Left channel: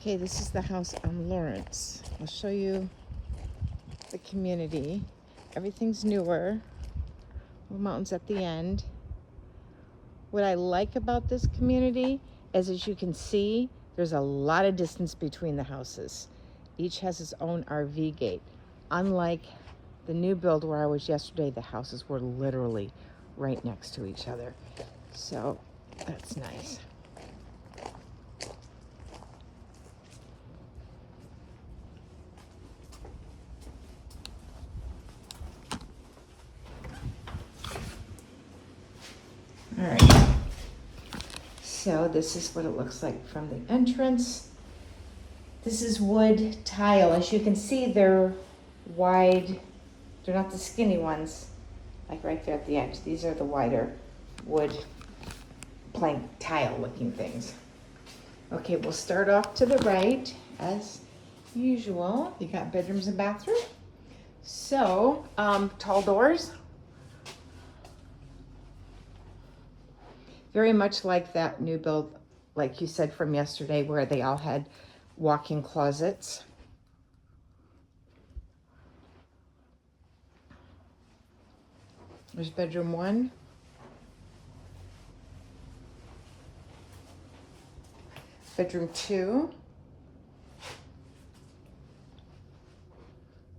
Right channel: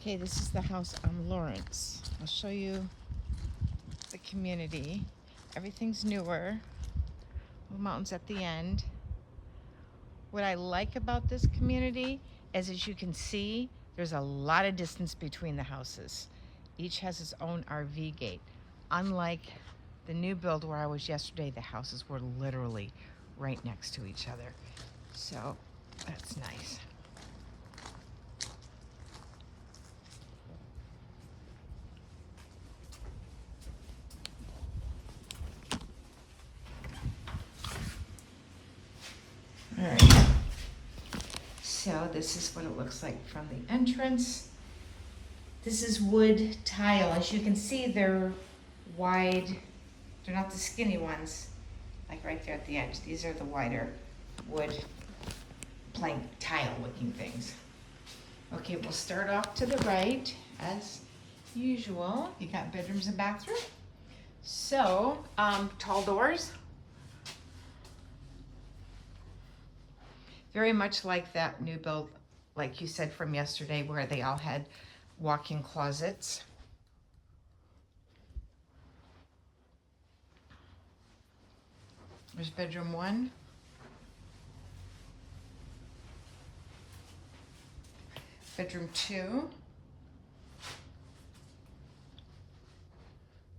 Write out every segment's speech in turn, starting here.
Okay, this is the house on Lawrence. I'll show you the community. Everything's newer. The mountains at the end. What I like about this community is, as you can see, there's a lot of distance between the houses. Each has its own RV gate. Unlike the new build where I was yesterday, the houses were literally right next to each other. So that's nice. All right, so this is what it looks like from the entrance. This is wood tile. As you can see, they're wide. They're not the skinny ones, like right there at the edge. These are the wider wood plank tile looking things. Okay, we'll start off to the right as usual. You got bedrooms and bathroom. So, tall doors. Very much like that new build, like you said from yesterday, where they all had walk-in closets. There's bedroom 1. Bedroom 2.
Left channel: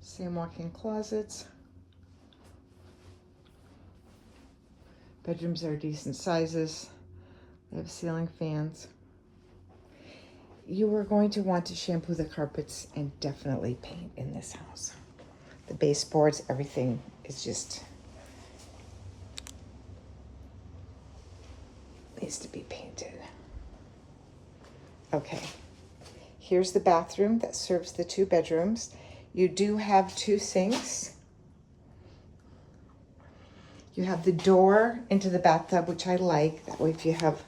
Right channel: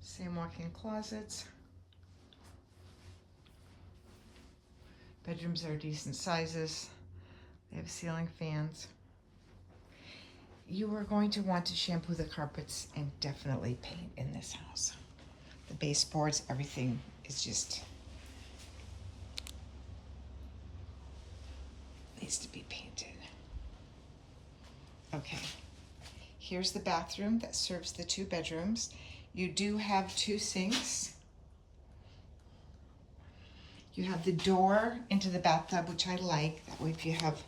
Same walk-in closets. Bedrooms are decent sizes. They have ceiling fans. You are going to want to shampoo the carpets and definitely paint in this house. The baseboards, everything is just needs to be painted. Okay, here's the bathroom that serves the 2 bedrooms. You do have 2 sinks. You have the door into the bathtub, which I like. That way if you have,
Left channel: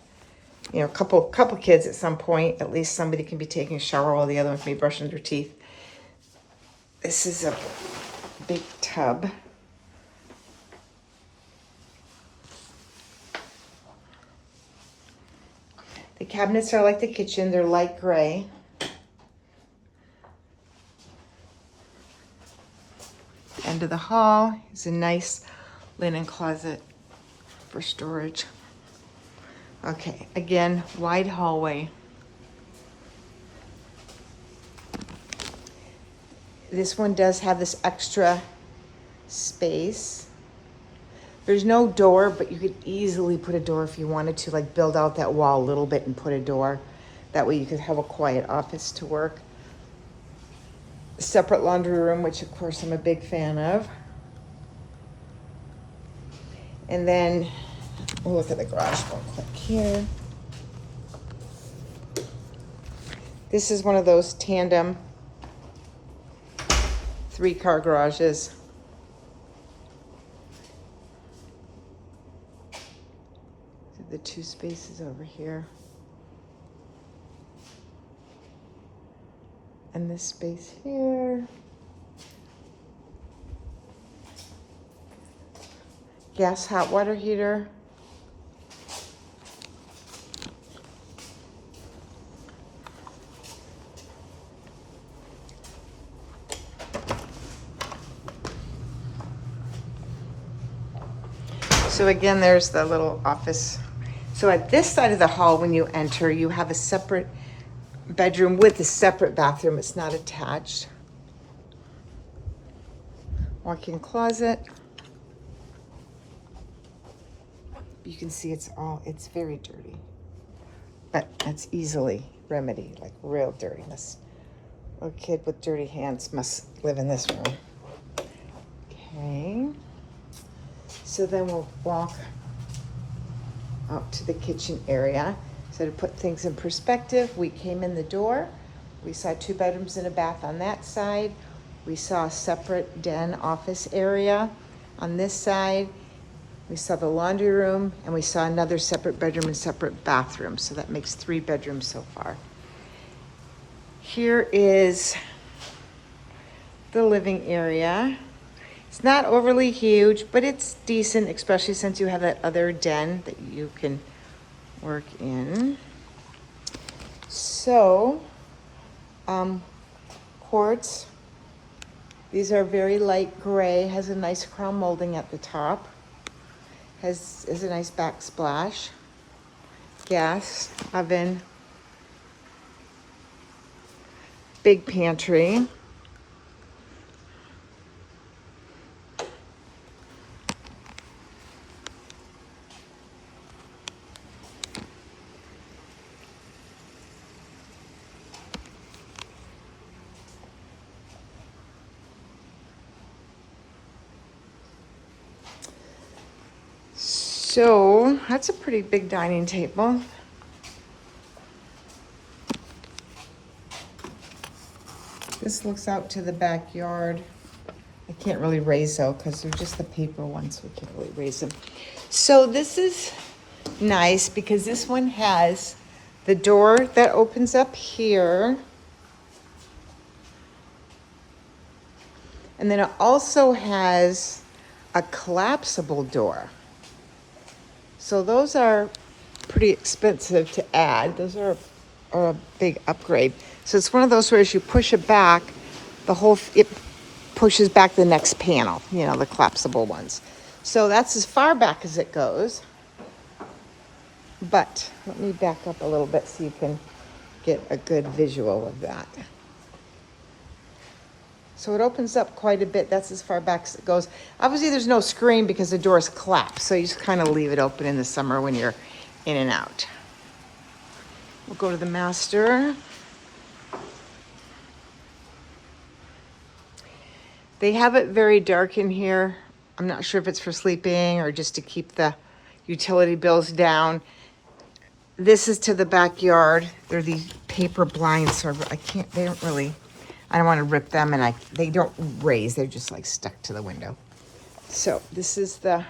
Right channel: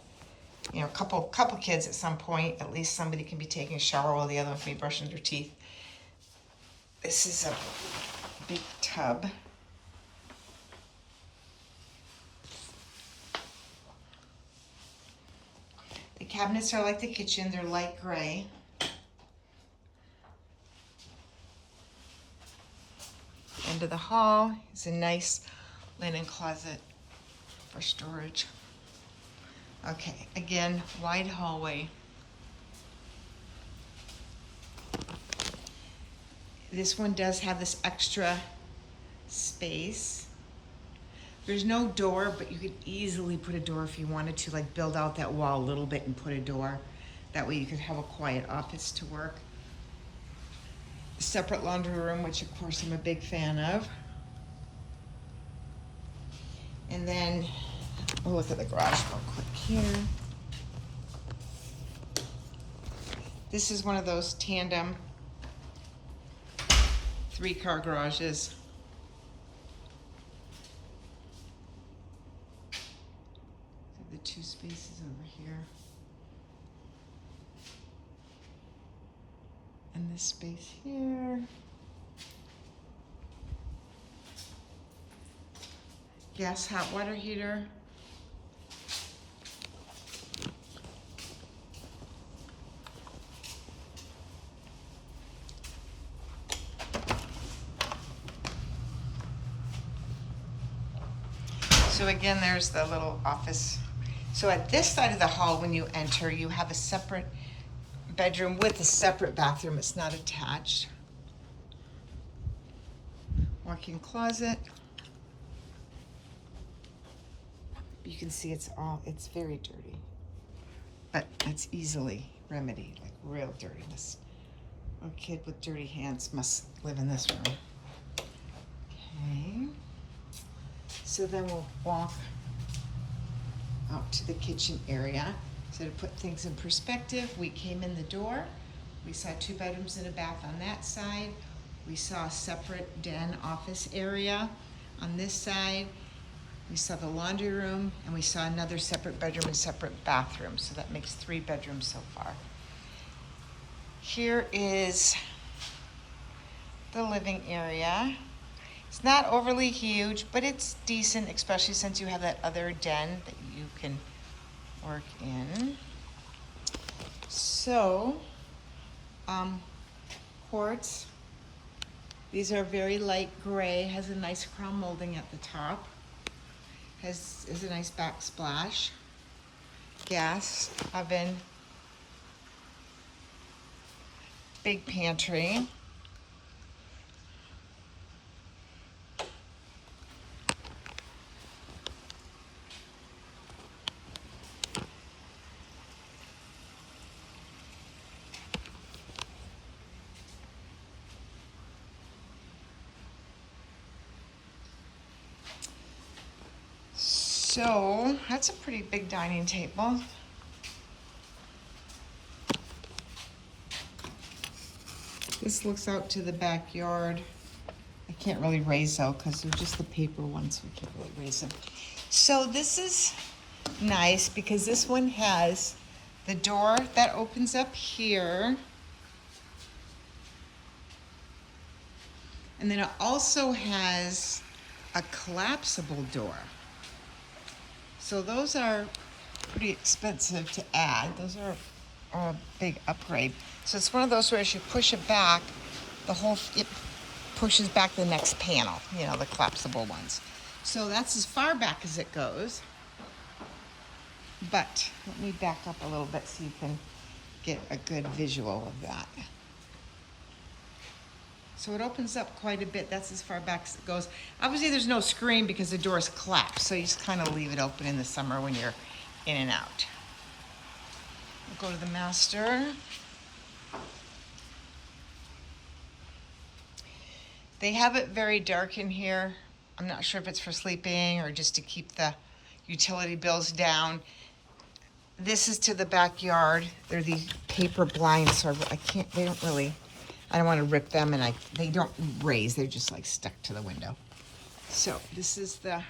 you know, a couple kids at some point, at least somebody can be taking a shower while the other one can be brushing their teeth. This is a big tub. The cabinets are like the kitchen. They're light gray. End of the hall is a nice linen closet for storage. Okay, again, wide hallway. This one does have this extra space. There's no door, but you could easily put a door if you wanted to, like build out that wall a little bit and put a door. That way you could have a quiet office to work. A separate laundry room, which of course I'm a big fan of. And then we'll look at the garage real quick here. This is one of those tandem 3-car garages. The 2 spaces over here. And this space here. Gas hot water heater. So again, there's the little office. So at this side of the hall, when you enter, you have a separate bedroom with a separate bathroom. It's not attached. Walk-in closet. You can see it's very dirty, but that's easily remedied, like real dirtiness. A kid with dirty hands must live in this room. Okay. So then we'll walk out to the kitchen area. So to put things in perspective, we came in the door. We saw 2 bedrooms and a bath on that side. We saw a separate den office area on this side. We saw the laundry room, and we saw another separate bedroom and separate bathroom. So that makes 3 bedrooms so far. Here is the living area. It's not overly huge, but it's decent, especially since you have that other den that you can work in. So quartz. These are very light gray, has a nice crown molding at the top, has a nice backsplash, gas oven, big pantry. So that's a pretty big dining table. This looks out to the backyard. I can't really raise though because they're just the paper ones, so we can't really raise them. So this is nice because this one has the door that opens up here. And then it also has a collapsible door. So those are pretty expensive to add. Those are a big upgrade. So it's one of those where as you push it back, it pushes back the next panel, you know, the collapsible ones. So that's as far back as it goes. But let me back up a little bit so you can get a good visual of that. So it opens up quite a bit. That's as far back as it goes. Obviously, there's no screen because the door's collapsed. So you just kind of leave it open in the summer when you're in and out. We'll go to the master. They have it very dark in here. I'm not sure if it's for sleeping or just to keep the utility bills down. This is to the backyard. They're the paper blinds, so I don't want to rip them, and they don't raise. They're just like stuck to the window. So this is the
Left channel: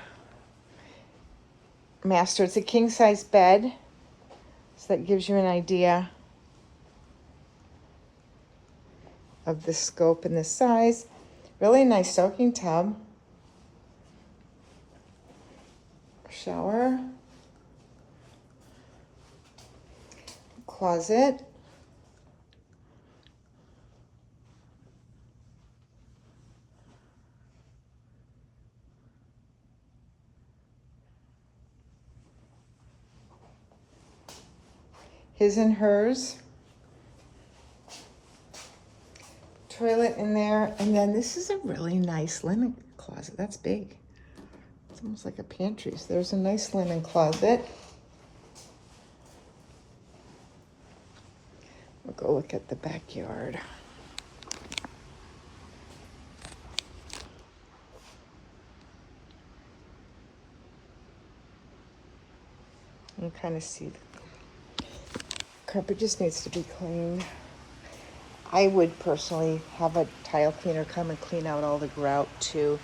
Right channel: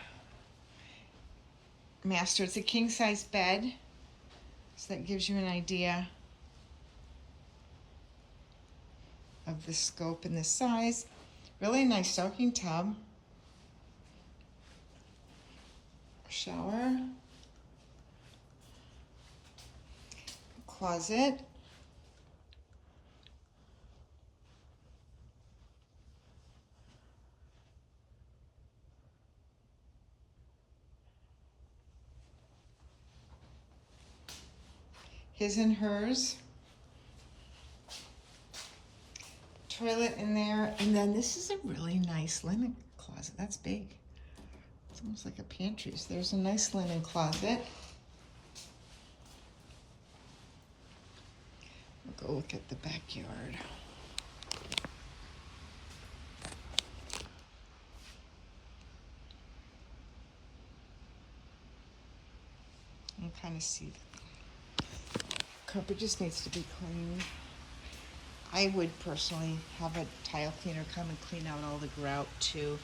master. It's a king size bed. So that gives you an idea of the scope and the size. Really nice soaking tub. Shower. Closet. His and hers. Toilet in there. And then this is a really nice linen closet. That's big. It's almost like a pantry. So there's a nice linen closet. We'll go look at the backyard. You can kind of see the carpet just needs to be cleaned. I would personally have a tile cleaner come and clean out all the grout too.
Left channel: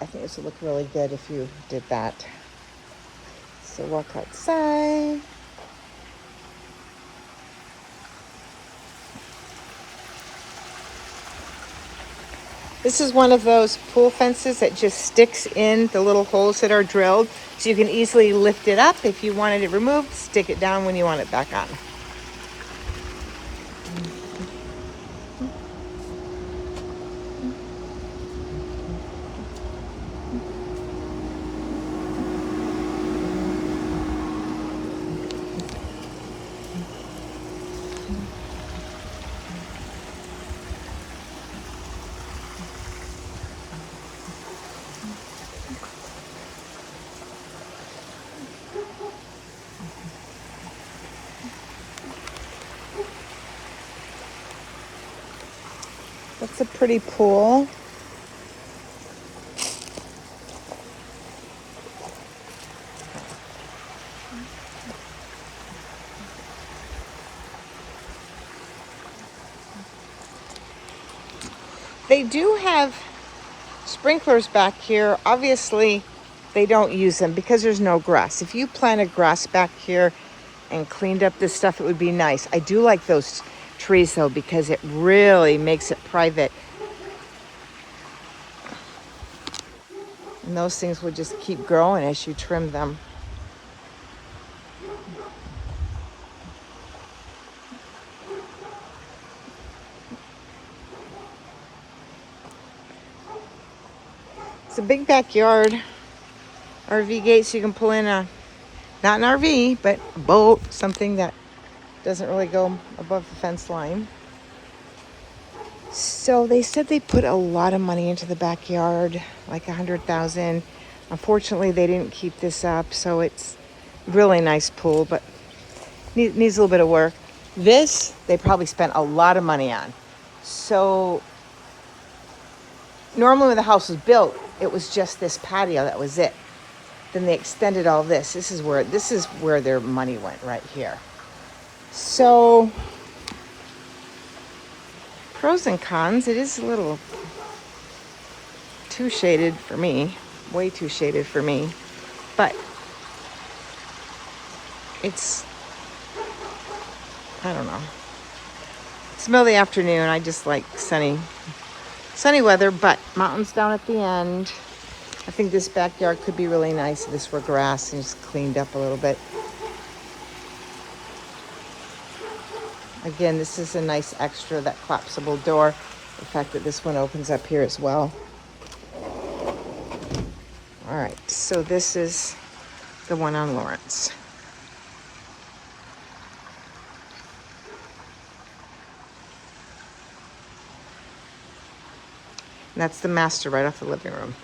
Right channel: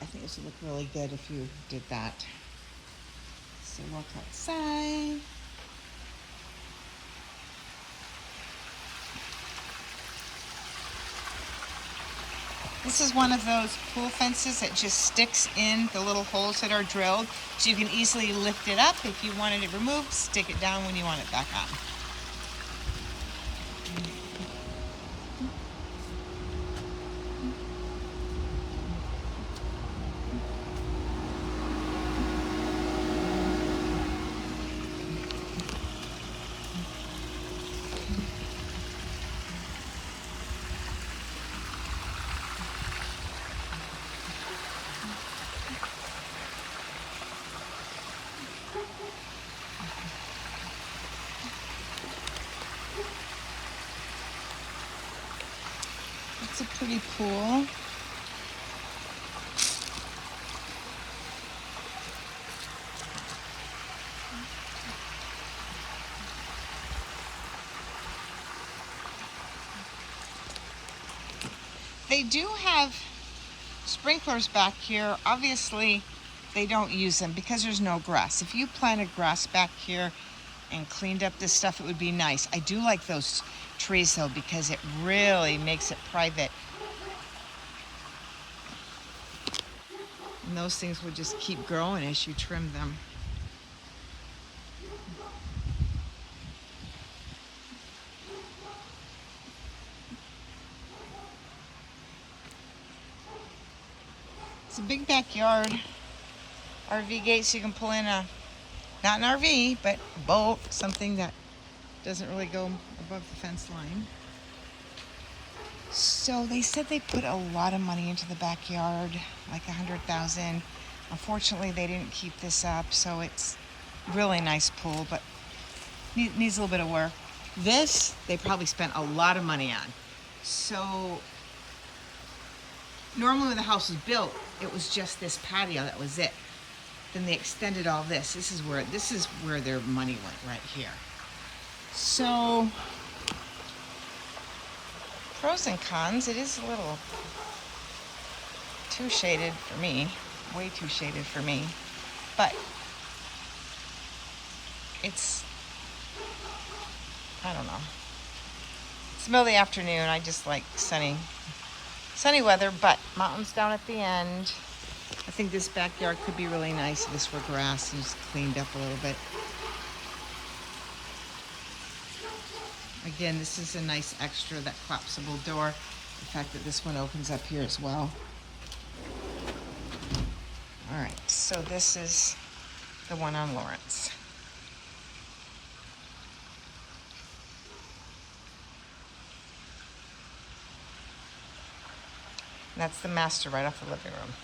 I think this would look really good if you did that. So walk outside. This is one of those pool fences that just sticks in the little holes that are drilled, so you can easily lift it up. If you wanted it removed, stick it down when you want it back on. That's a pretty pool. They do have sprinklers back here. Obviously, they don't use them because there's no grass. If you planted grass back here and cleaned up this stuff, it would be nice. I do like those trees though because it really makes it private. And those things will just keep growing as you trim them. It's a big backyard. RV gates, you can pull in a, not an RV, but a boat, something that doesn't really go above the fence line. So they said they put a lot of money into the backyard, like $100,000. Unfortunately, they didn't keep this up, so it's really nice pool, but needs a little bit of work. This, they probably spent a lot of money on. So normally when the house was built, it was just this patio, that was it. Then they extended all this. This is where their money went, right here. So pros and cons, it is a little too shaded for me, way too shaded for me, but it's, I don't know. It's the middle of the afternoon. I just like sunny weather, but mountains down at the end. I think this backyard could be really nice if this were grass and just cleaned up a little bit. Again, this is a nice extra, that collapsible door. The fact that this one opens up here as well. All right, so this is the one on Lawrence. And that's the master right off the living room.